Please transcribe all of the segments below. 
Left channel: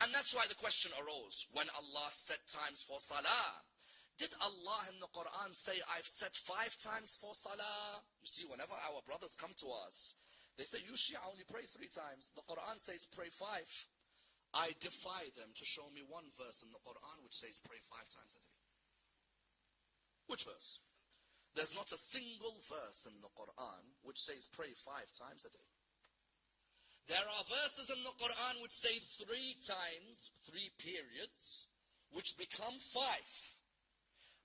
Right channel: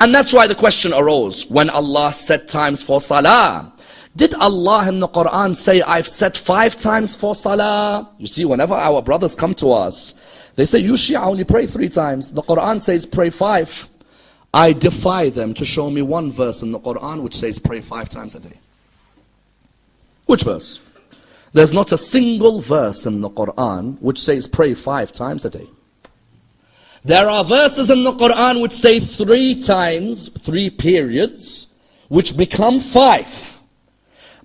And that's why the question arose, when Allah set times for salah, did Allah in the Quran say, I've set 5 times for salah? You see, whenever our brothers come to us, they say, you Shia only pray 3 times. The Quran says pray 5. I defy them to show me one verse in the Quran which says pray 5 times a day. Which verse? There's not a single verse in the Quran which says pray 5 times a day. There are verses in the Quran which say 3 times, 3 periods, which become 5.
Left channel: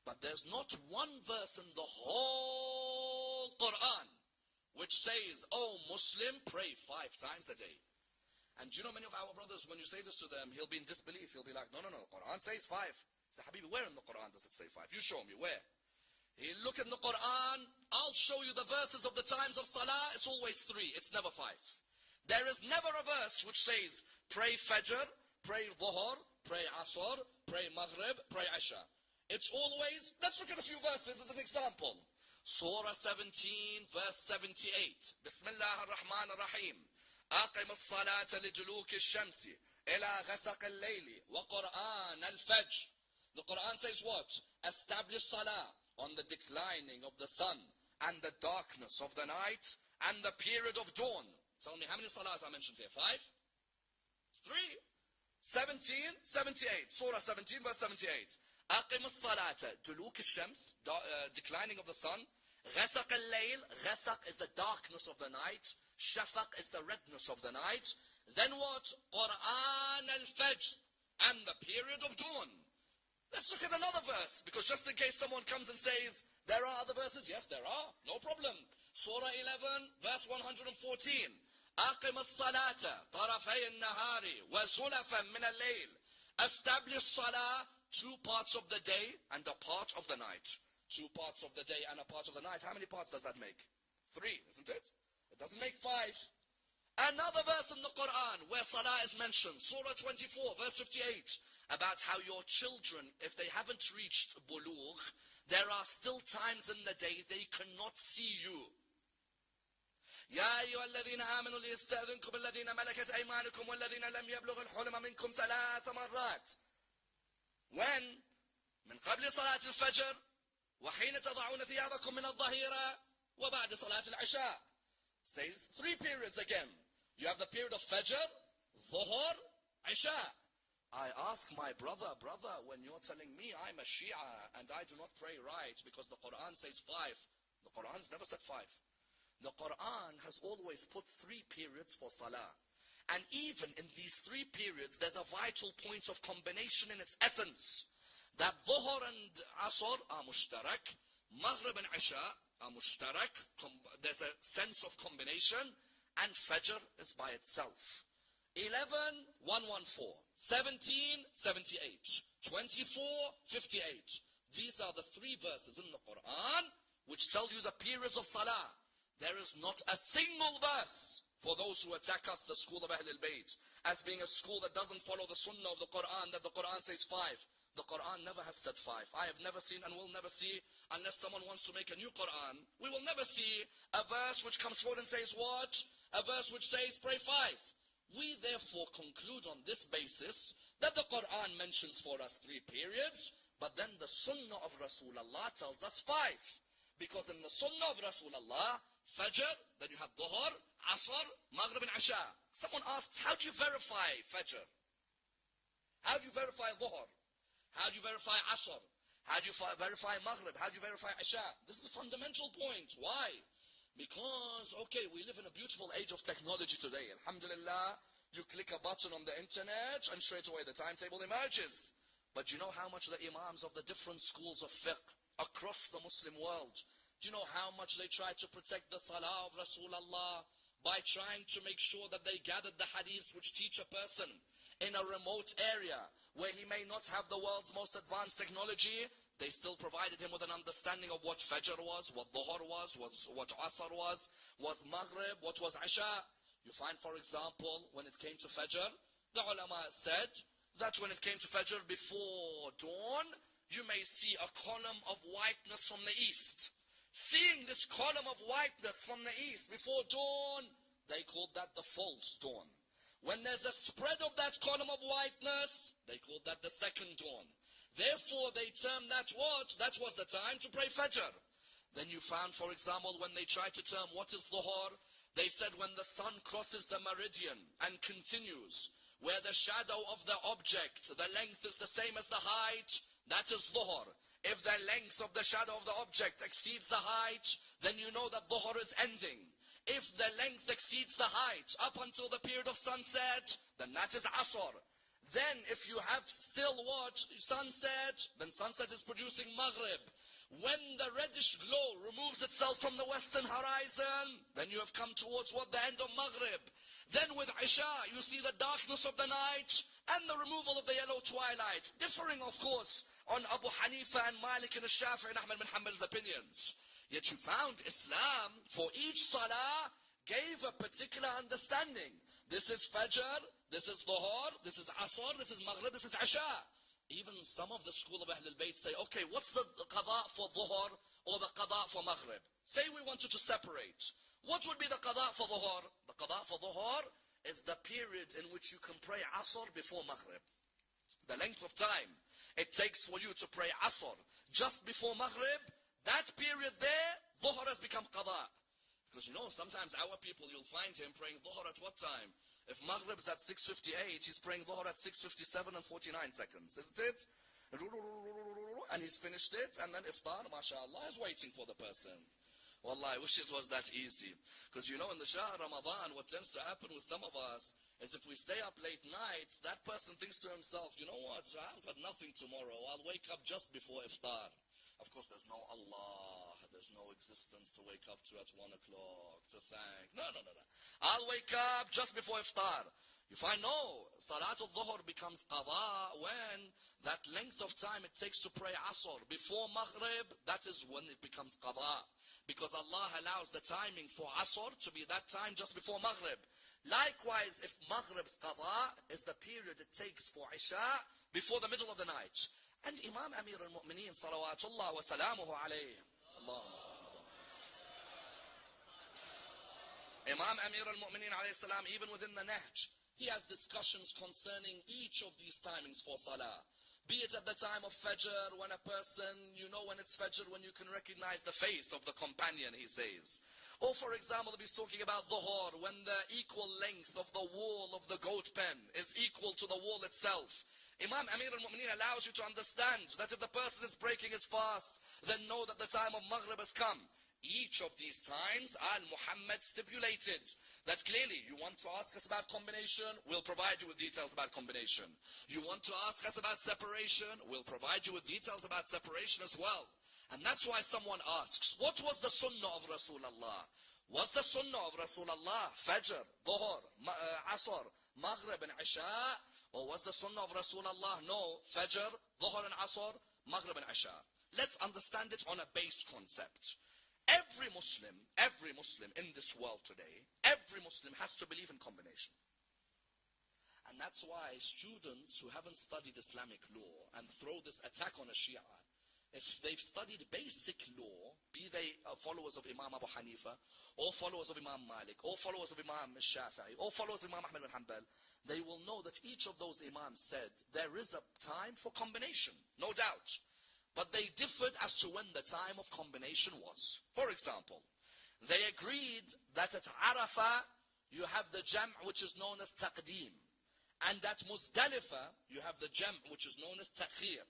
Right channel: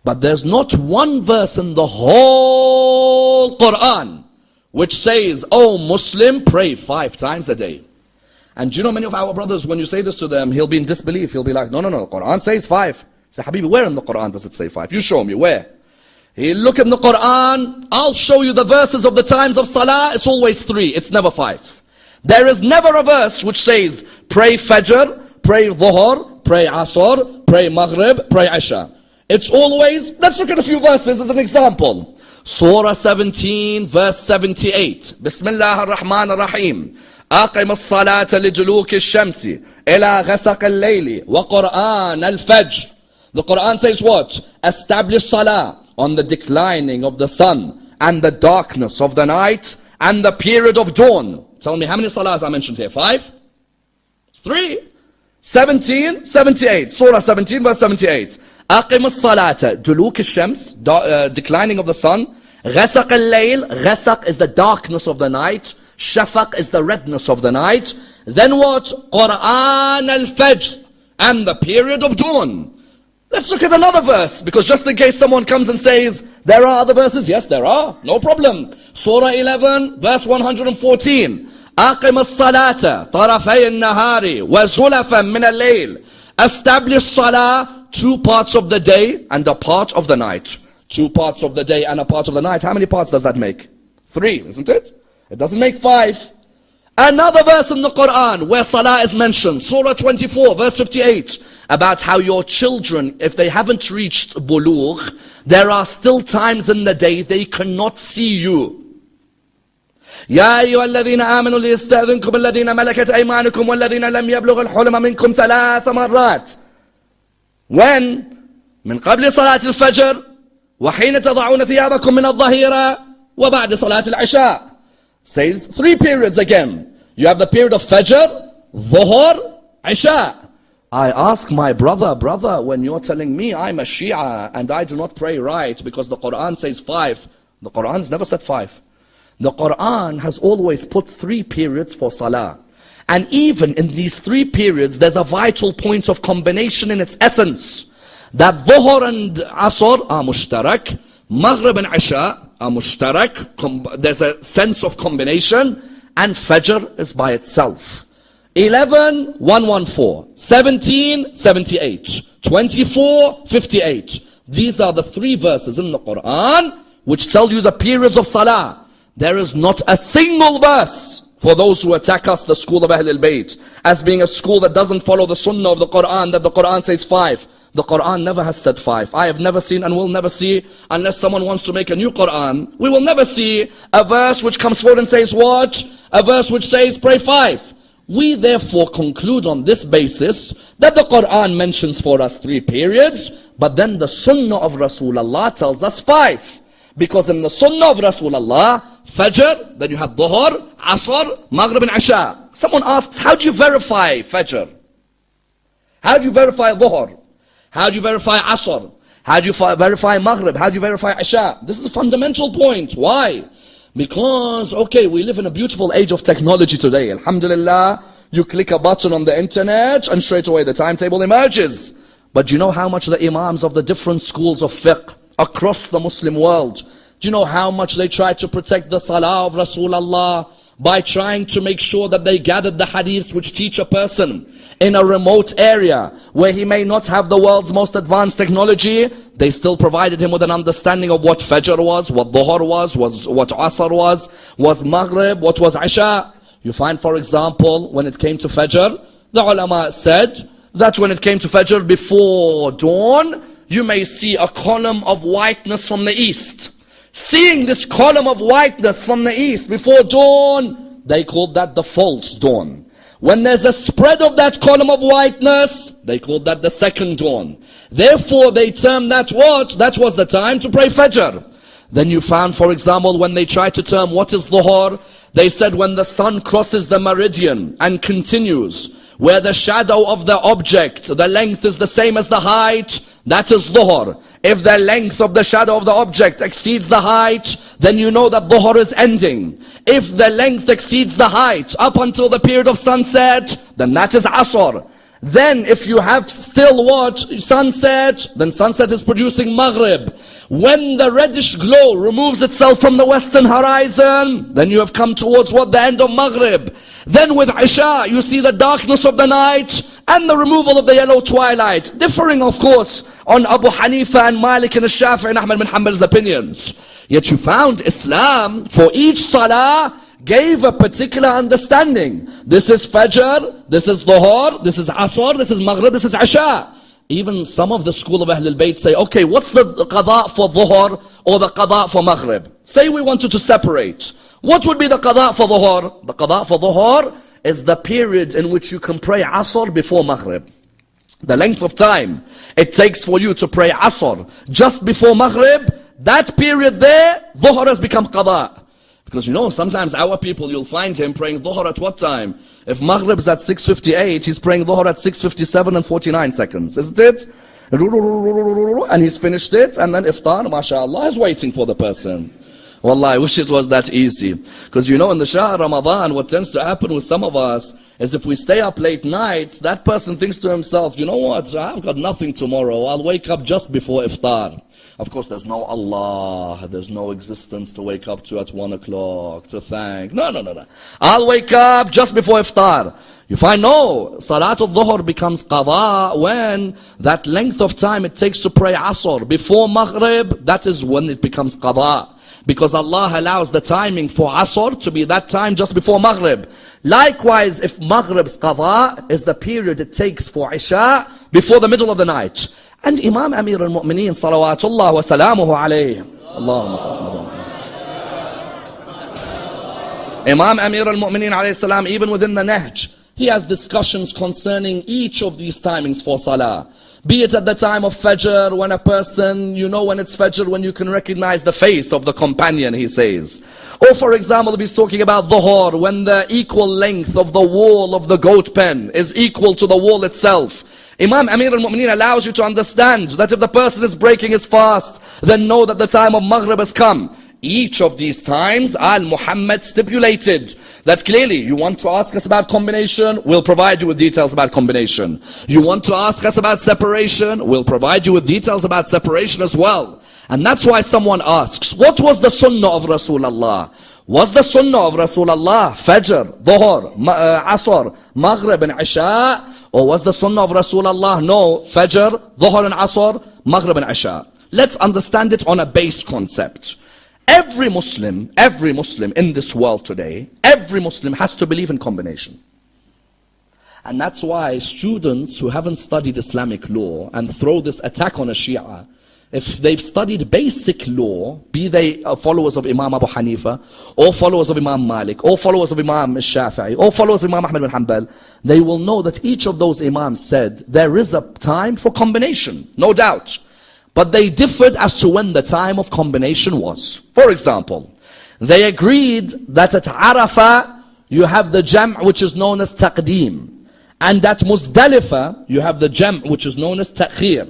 But there's not one verse in the whole Quran which says, oh Muslim, pray 5 times a day. And do you know many of our brothers, when you say this to them, he'll be in disbelief. He'll be like, no, the Quran says 5. Say, Habibi, where in the Quran does it say 5? You show me, where? He'll look in the Quran, I'll show you the verses of the times of Salah, it's always 3, it's never 5. There is never a verse which says, pray Fajr, pray Dhuhr, pray Asr, pray Maghrib, pray Isha. It's always, let's look at a few verses as an example. Surah 17, verse 78. Bismillah ar-Rahman ar-Rahim. أقم الصلاة لدلوك الشمس إلى غسق الليل وقرآن الفجر. The Quran says what? Establish salah on the declining of the sun and the darkness of the night and the period of dawn. Tell me how many salahs I mentioned here? 5? 3. 17, 78. Surah 17, verse 78. أقم الصلاة دلوك الشمس, declining of the sun. غسق الليل, غسق is the darkness of the night. Shafaq is the redness of the night. Then what? Quran al-Fajr, and the period of dawn. Let's look at another verse, because just in case someone comes and says, there are other verses. Yes, there are. No problem. Surah 11, verse 114. أقم الصلاة طرفي النهار وزلفا من الليل. Establish salah 2 parts of the day and a part of the night. 2 parts of the day and a part of the night. How many parts does that make? 3, isn't it? It doesn't make 5. Another verse in the Quran where salah is mentioned, Surah 24, verse 58, about how your children, if they haven't reached bulugh, there are still times in the day they cannot see you. يا أيها الذين آمنوا ليستأذنكم الذين ملكت أيمانكم والذين لم يبلغ الحلم منكم 3 مرات. When? من قبل صلاة الفجر وحين تضعون ثيابكم من الظهيرة وبعد صلاة العشاء. Says 3 periods again. You have the period of Fajr, Dhuhr, Isha. I ask my brother, when you're telling me I'm a Shia and I do not pray right because the Quran says 5, the Quran's never said 5. The Quran has always put 3 periods for Salah. And even in these 3 periods, there's a vital point of combination in its essence. That Dhuhr and Asr are mushtarak, Maghrib and Isha are mushtarak, there's a sense of combination, and Fajr is by itself. 11, 114, 17, 78, 24, 58. These are the 3 verses in the Quran which tell you the periods of Salah. There is not a single verse, for those who attack us, the school of Ahlul Bayt, as being a school that doesn't follow the Sunnah of the Quran, that the Quran says 5. The Quran never has said 5. I have never seen and will never see, unless someone wants to make a new Quran, we will never see a verse which comes forward and says what? A verse which says pray 5. We therefore conclude on this basis that the Quran mentions for us 3 periods, but then the Sunnah of Rasulullah tells us 5. Because in the Sunnah of Rasulullah, Fajr, then you have Dhuhr, Asr, Maghrib and Isha. Someone asks, how do you verify Fajr? How do you verify Dhuhr? How do you verify Asr? How do you verify Maghrib? How do you verify Isha? This is a fundamental point. Why? Because, okay, we live in a beautiful age of technology today. Alhamdulillah, you click a button on the internet and straight away the timetable emerges. But do you know how much the imams of the different schools of fiqh across the Muslim world, do you know how much they try to protect the salah of Rasulullah by trying to make sure that they gathered the hadiths which teach a person in a remote area where he may not have the world's most advanced technology? They still provided him with an understanding of what Fajr was, what Dhuhr was what Asr was Maghrib, what was Isha. You find, for example, when it came to Fajr, the ulama said that when it came to Fajr before dawn, you may see a column of whiteness from the east. Seeing this column of whiteness from the east before dawn, they called that the false dawn. When there's a spread of that column of whiteness, they called that the second dawn. Therefore, they termed that what? That was the time to pray Fajr. Then you found, for example, when they tried to term what is Dhuhr, they said when the sun crosses the meridian and continues, where the shadow of the object, the length is the same as the height, that is Dhuhr. If the length of the shadow of the object exceeds the height, then you know that Dhuhr is ending. If the length exceeds the height up until the period of sunset, then that is Asr. Then if you have still what? Sunset, then sunset is producing Maghrib. When the reddish glow removes itself from the western horizon, then you have come towards what? The end of Maghrib. Then with Isha, you see the darkness of the night and the removal of the yellow twilight. Differing, of course, on Abu Hanifa and Malik and Shafi'i and Ahmad bin Hanbal's opinions. Yet you found Islam, for each salah, gave a particular understanding. This is Fajr, this is Dhuhr, this is Asr, this is Maghrib, this is Isha. Even some of the school of Ahlul Bayt say, okay, what's the qada for Dhuhr or the qada for Maghrib? Say we wanted to separate. What would be the qada for Dhuhr? The qada for Dhuhr is the period in which you can pray Asr before Maghrib. The length of time it takes for you to pray Asr just before Maghrib, that period there, Dhuhr has become qada. Because you know, sometimes our people, you'll find him praying Dhuhr at what time? If Maghrib is at 6:58, he's praying Dhuhr at 6:57 and 49 seconds, isn't it? And he's finished it, and then Iftar, mashallah, is waiting for the person. Wallah, I wish it was that easy. Because you know, in the Shahr Ramadan, what tends to happen with some of us is if we stay up late nights, that person thinks to himself, you know what, I've got nothing tomorrow, I'll wake up just before Iftar. Of course, there's no Allah, there's no existence to wake up to at 1 o'clock, to thank. No. I'll wake up just before Iftar. You find, no, Salatul Dhuhr becomes qada when that length of time it takes to pray Asr before Maghrib, that is when it becomes qada. Because Allah allows the timing for Asr to be that time just before Maghrib. Likewise, if Maghrib's qada is the period it takes for Isha before the middle of the night. And Imam Amir al-Mu'mineen salawatullah wa salamuhu alayhi. Allahumma salli. Imam Amir al-Mu'mineen alayhi salam, even within the Nahj, he has discussions concerning each of these timings for salah. Be it at the time of Fajr, when a person, you know when it's Fajr, when you can recognize the face of the companion, he says. Or for example, if he's talking about Dhuhr, when the equal length of the wall of the goat pen is equal to the wall itself. Imam Amir al-Mu'mineen allows you to understand that if the person is breaking his fast, then know that the time of Maghrib has come. Each of these times, Al-Muhammad stipulated that clearly, you want to ask us about combination, we'll provide you with details about combination. You want to ask us about separation, we'll provide you with details about separation as well. And that's why someone asks, what was the sunnah of Rasulullah? Was the sunnah of Rasulullah Fajr, Dhuhr, Asr, Maghrib and Isha? Or was the sunnah of Rasulullah, no, Fajr, Dhuhr and Asr, Maghrib and Isha? Let's understand it on a base concept. Every Muslim in this world today, every Muslim has to believe in combination. And that's why students who haven't studied Islamic law and throw this attack on a Shia, if they've studied basic law, be they followers of Imam Abu Hanifa, or followers of Imam Malik, or followers of Imam Shafi'i, or followers of Imam Ahmad bin Hanbal, they will know that each of those Imams said there is a time for combination, no doubt. But they differed as to when the time of combination was. For example, they agreed that at Arafah, you have the jam' which is known as taqdeem. And at Muzdalifah, you have the jam' which is known as ta'khir.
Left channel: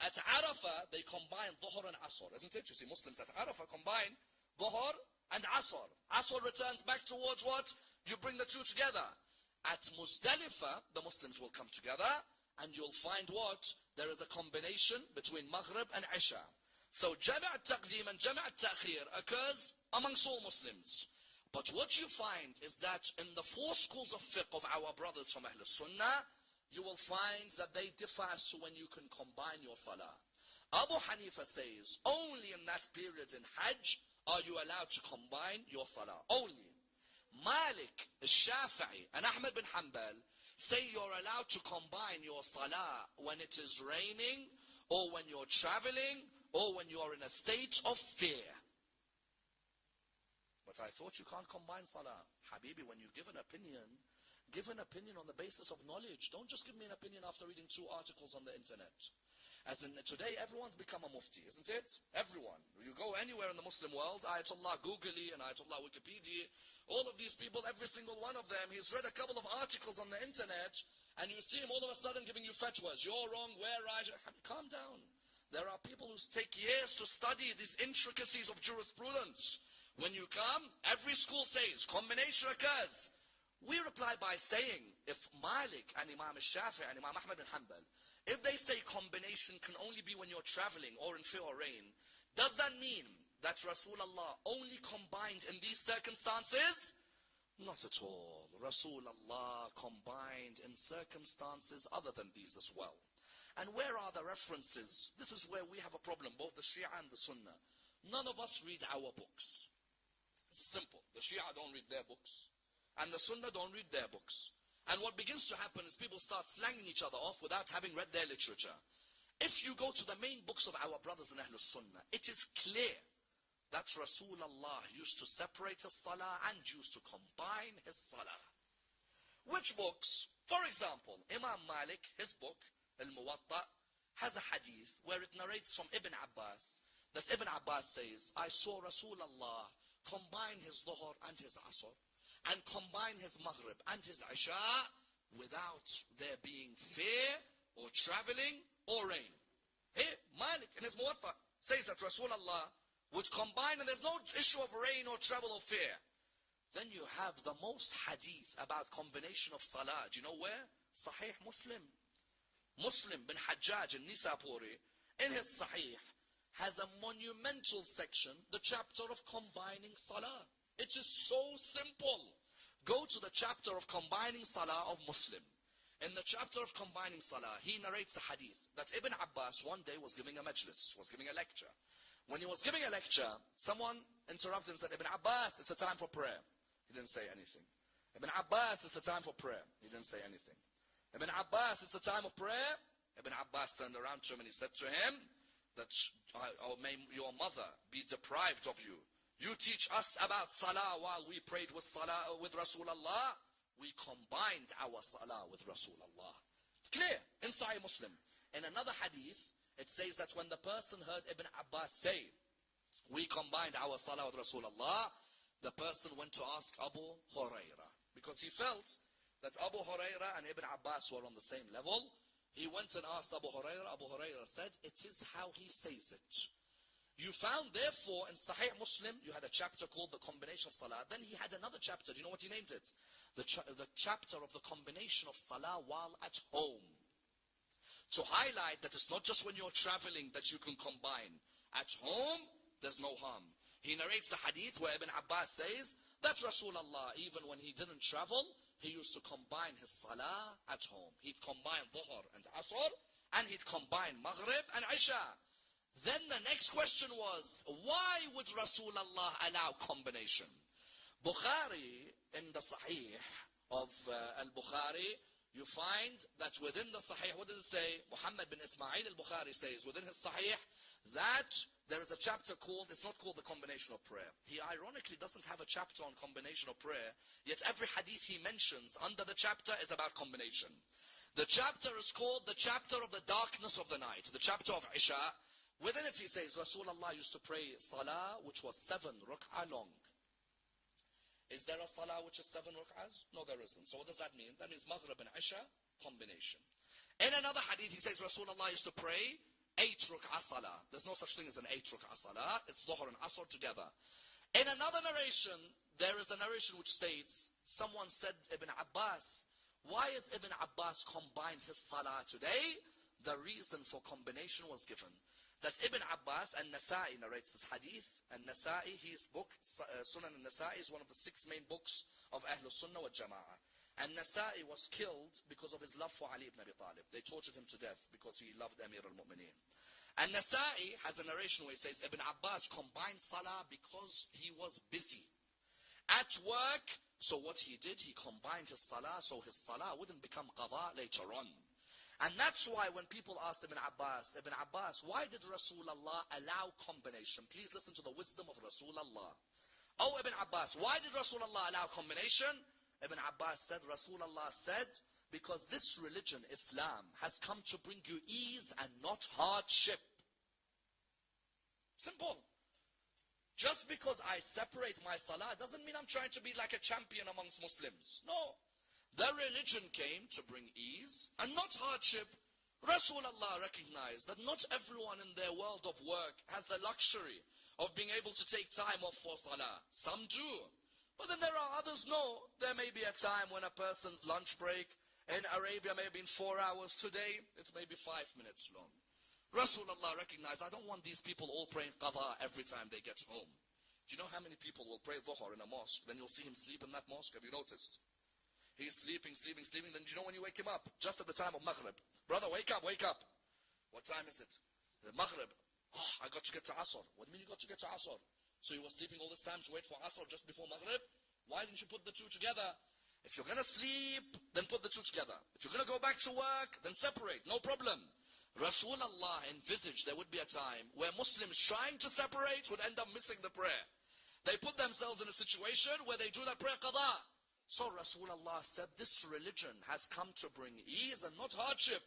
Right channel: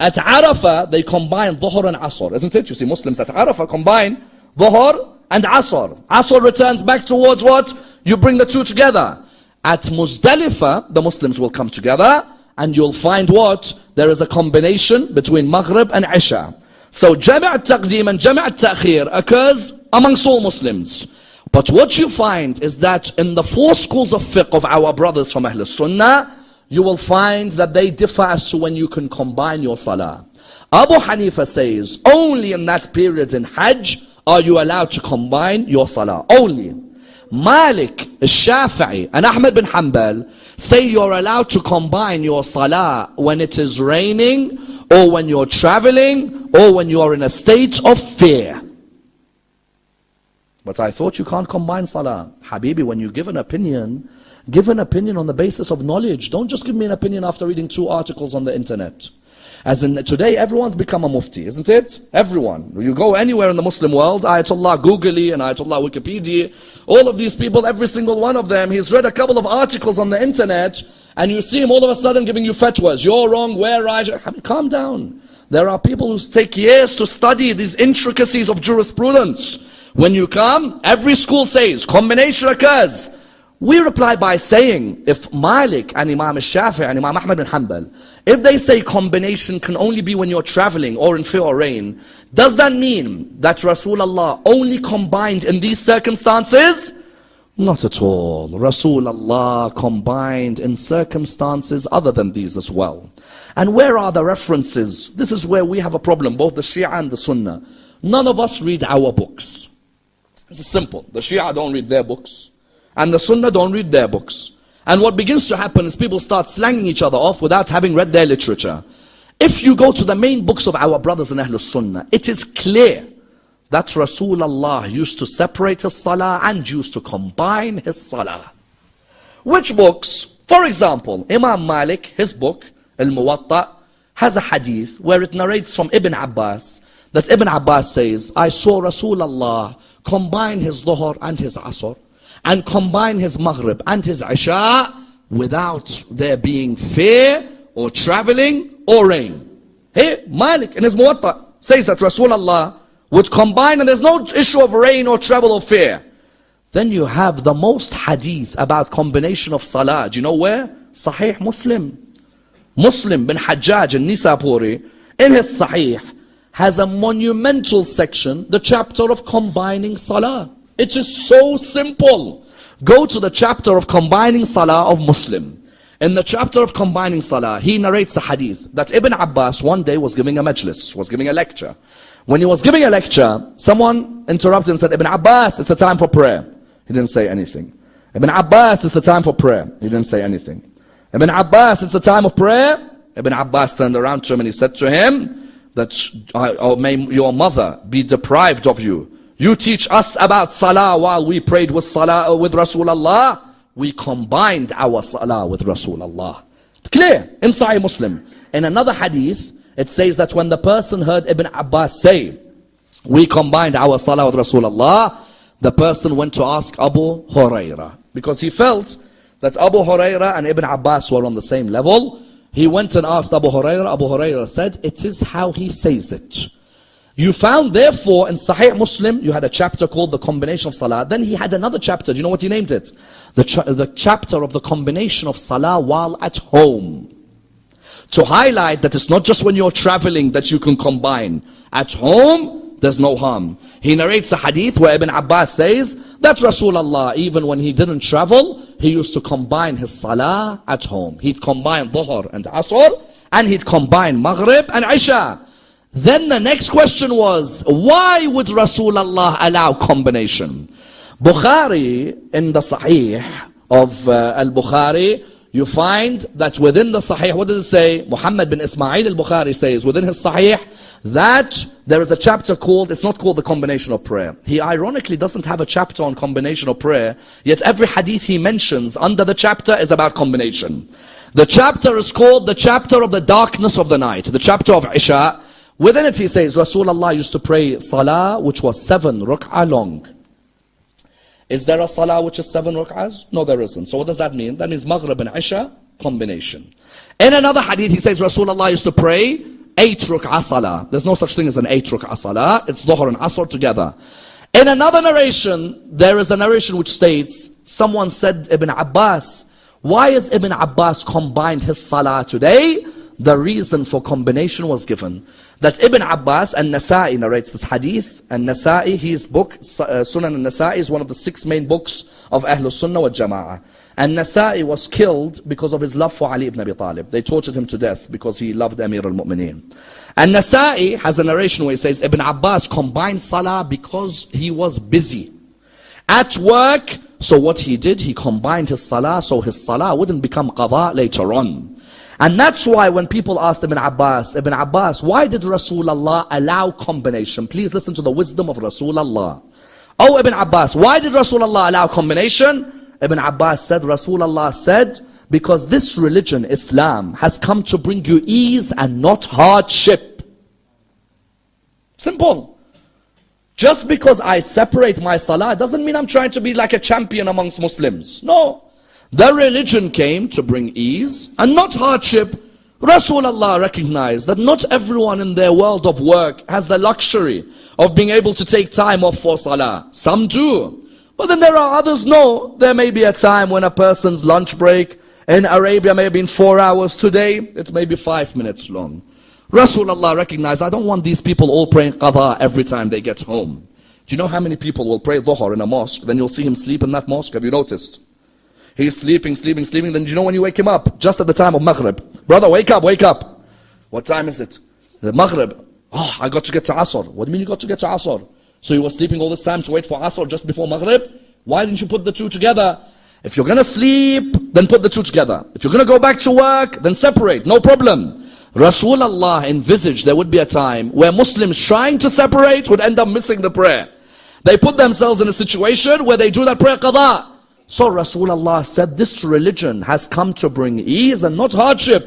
At Arafah, they combine Dhuhr and Asr, isn't it? You see, Muslims at Arafah combine Dhuhr and Asr. Asr returns back towards what? You bring the two together. At Muzdalifah, the Muslims will come together, and you'll find what? There is a combination between Maghrib and Isha. So Jami' al-Taqdeem and Jami' al-Ta'khir occurs amongst all Muslims. But what you find is that in the four schools of fiqh of our brothers from Ahl Sunnah, you will find that they differ as to when you can combine your salah. Abu Hanifa says, only in that period in Hajj are you allowed to combine your salah. Only. Malik, Shafi'i and Ahmad bin Hanbal say you're allowed to combine your salah when it is raining, or when you're traveling, or when you're in a state of fear. But I thought you can't combine salah. Habibi, when you give an opinion, Give an opinion on the basis of knowledge. Don't just give me an opinion after reading 2 articles on the internet. As in today, everyone's become a mufti, isn't it? Everyone. You go anywhere in the Muslim world, Ayatollah Googly and Ayatollah Wikipedia, all of these people, every single one of them, he's read a couple of articles on the internet, and you see him all of a sudden giving you fatwas. You're wrong, we're right. Calm down. There are people who take years to study these intricacies of jurisprudence. When you come, every school says, combination occurs. We reply by saying, if Malik and Imam Shafi'i and Imam Ahmad bin Hanbal, if they say combination can only be when you're traveling or in fear or rain, does that mean that Rasulullah only combined in these circumstances? Not at all. Rasulullah combined in circumstances other than these as well. And where are the references? This is where we have a problem, both the Shia and the Sunnah. None of us read our books. This is simple. The Shia don't read their books, and the Sunnah don't read their books. And what begins to happen is people start slanging each other off without having read their literature. If you go to the main books of our brothers in Ahlul Sunnah, it is clear that Rasulullah used to separate his salah and used to combine his salah. Which books? For example, Imam Malik, his book, Al-Muwatta, has a hadith where it narrates from Ibn Abbas, that Ibn Abbas says, I saw Rasulullah combine his Dhuhr and his Asr, and combine his Maghrib and his Isha without there being fear or traveling or rain. Hey, Malik in his Muwatta says that Rasulullah would combine and there's no issue of rain or travel or fear. Then you have the most hadith about combination of salah. Do you know where? Sahih Muslim. Muslim bin Hajjaj al-Nisapuri in his Sahih has a monumental section, the chapter of combining salah. It is so simple. Go to the chapter of combining salah of Muslim. In the chapter of combining salah, he narrates a hadith that Ibn Abbas one day was giving a majlis, was giving a lecture. When he was giving a lecture, someone interrupted him and said, Ibn Abbas, it's the time for prayer. He didn't say anything. Ibn Abbas, it's the time for prayer. He didn't say anything. Ibn Abbas, it's the time of prayer. Ibn Abbas turned around to him and he said to him that, may your mother be deprived of you. You teach us about salah while we prayed with salah with Rasulullah. We combined our salah with Rasulullah. Clear in Sahih Muslim. In another hadith, it says that when the person heard Ibn Abbas say, we combined our salah with Rasulullah, the person went to ask Abu Hurairah, because he felt that Abu Hurairah and Ibn Abbas were on the same level. He went and asked Abu Hurairah. Abu Hurairah said, it is how he says it. You found therefore in Sahih Muslim, you had a chapter called the combination of salah. Then he had another chapter. Do you know what he named it? The chapter of the combination of salah while at home. To highlight that it's not just when you're traveling that you can combine. At home, there's no harm. He narrates a hadith where Ibn Abbas says that Rasulullah, even when he didn't travel, he used to combine his salah at home. He'd combine Dhuhr and Asr, and he'd combine Maghrib and Isha. Then the next question was, why would Rasulullah allow combination? Bukhari, in the Sahih of Al-Bukhari, you find that within the Sahih, what does it say? Muhammad bin Ismail al-Bukhari says within his Sahih that there is a chapter called, it's not called the combination of prayer. He ironically doesn't have a chapter on combination of prayer, yet every hadith he mentions under the chapter is about combination. The chapter is called the chapter of the darkness of the night, the chapter of Isha. Within it he says, Rasulullah used to pray salah which was 7 rak'ah long. Is there a salah which is 7 rak'ahs? No, there isn't. So what does that mean? That means Maghrib and Isha combination. In another hadith he says Rasulullah used to pray 8 rak'ah salah. There's no such thing as an 8 rak'ah salah. It's Dhuhr and Asr together. In another narration, there is a narration which states, someone said Ibn Abbas, why is Ibn Abbas combined his salah today? The reason for combination was given. That Ibn Abbas and Nasa'i narrates this hadith, and Nasa'i, his book, Sunan al-Nasa'i, is one of the 6 main books of Ahlul Sunnah wal Jama'ah. And Nasa'i was killed because of his love for Ali ibn Abi Talib. They tortured him to death because he loved Amir al-Mu'mineen. And Nasa'i has a narration where he says, Ibn Abbas combined salah because he was busy at work. So what he did, he combined his salah so his salah wouldn't become qada later on. And that's why when people asked Ibn Abbas, why did Rasulullah allow combination? Please listen to the wisdom of Rasulullah. Oh Ibn Abbas, why did Rasulullah allow combination? Ibn Abbas said, Rasulullah said, because this religion, Islam, has come to bring you ease and not hardship. Simple. Just because I separate my salah doesn't mean I'm trying to be like a champion amongst Muslims. No. The religion came to bring ease and not hardship. Rasulullah recognized that not everyone in their world of work has the luxury of being able to take time off for salah. Some do. But then there are others, no. There may be a time when a person's lunch break in Arabia may have been 4 hours. Today, it may be 5 minutes long. Rasulullah recognized, I don't want these people all praying qadha every time they get home. Do you know how many people will pray dhuhr in a mosque? Then you'll see him sleep in that mosque. Have you noticed? He's sleeping. Then do you know when you wake him up? Just at the time of Maghrib. Brother, wake up. What time is it? The Maghrib. Oh, I got to get to Asr. What do you mean you got to get to Asr? So you were sleeping all this time to wait for Asr just before Maghrib? Why didn't you put the two together? If you're going to sleep, then put the two together. If you're going to go back to work, then separate. No problem. Rasulullah envisaged there would be a time where Muslims trying to separate would end up missing the prayer. They put themselves in a situation where they do that prayer qadha. So Rasulullah said, this religion has come to bring ease and not hardship.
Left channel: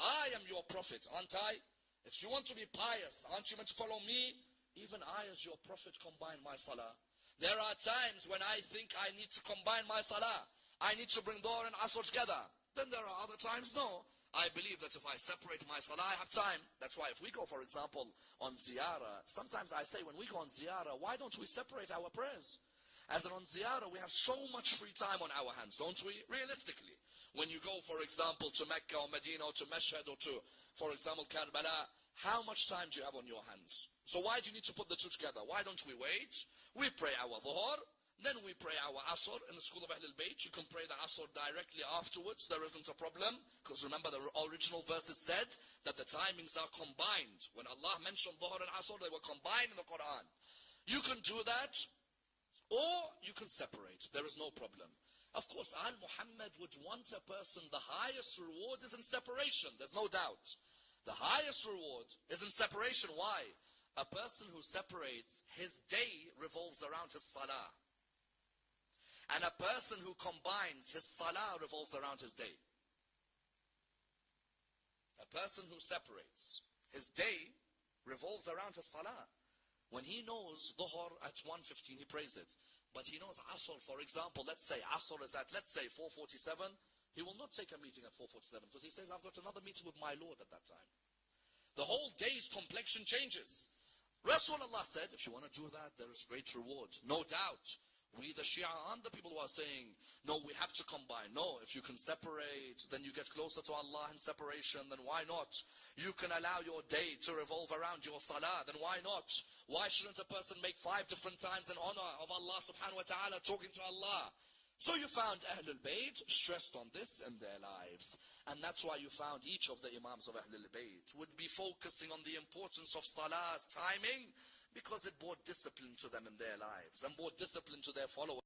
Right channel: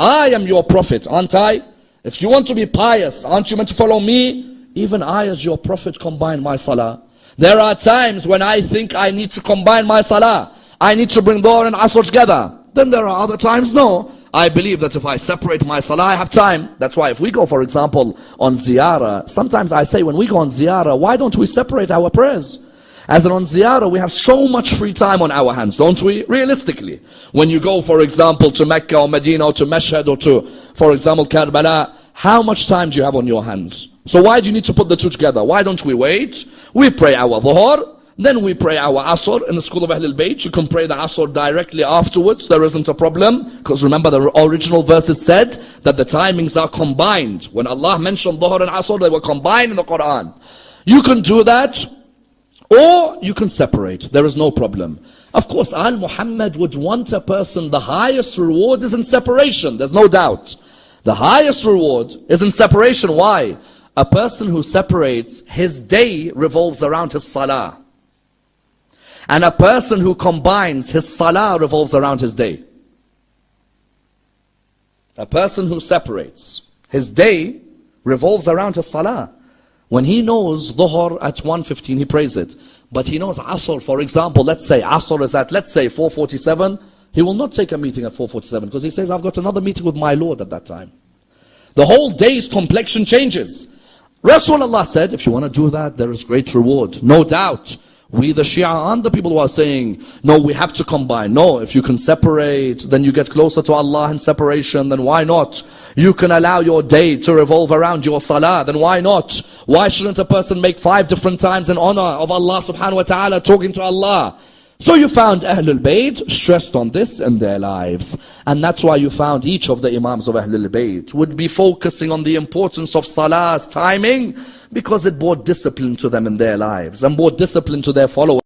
I am your prophet, aren't I? If you want to be pious, aren't you meant to follow me? Even I as your prophet combine my salah. There are times when I think I need to combine my salah. I need to bring dhuhr and asr together. Then there are other times, no. I believe that if I separate my salah, I have time. That's why if we go, for example, on ziyarah, sometimes I say when we go on ziyarah, why don't we separate our prayers? As in on ziyarah, we have so much free time on our hands, don't we? Realistically. When you go, for example, to Mecca or Medina or to Mashhad or to, for example, Karbala, how much time do you have on your hands? So why do you need to put the two together? Why don't we wait? We pray our dhuhr, then we pray our asr. In the school of Ahlul Bayt, you can pray the asr directly afterwards. There isn't a problem. Because remember, the original verses said that the timings are combined. When Allah mentioned dhuhr and asr, they were combined in the Quran. You can do that, or you can separate. There is no problem. Of course, Al-Muhammad would want a person, the highest reward is in separation. There's no doubt. The highest reward is in separation. Why? A person who separates, his day revolves around his salah. And a person who combines, his salah revolves around his day. A person who separates, his day revolves around his salah. When he knows dhuhr at 1:15, he prays it. But he knows asr, for example, let's say asr is at, 4:47, he will not take a meeting at 4:47 because he says, I've got another meeting with my Lord at that time. The whole day's complexion changes. Rasulullah said, if you want to do that, there is great reward. No doubt. We the Shia aren't the people who are saying, no, we have to combine. No, if you can separate, then you get closer to Allah in separation, then why not? You can allow your day to revolve around your salah, then why not? Why shouldn't a person make 5 different times in honor of Allah subhanahu wa ta'ala, talking to Allah? So you found Ahlul Bayt stressed on this in their lives. And that's why you found each of the Imams of Ahlul Bayt would be focusing on the importance of salah's timing, because it brought discipline to them in their lives and brought discipline to their followers.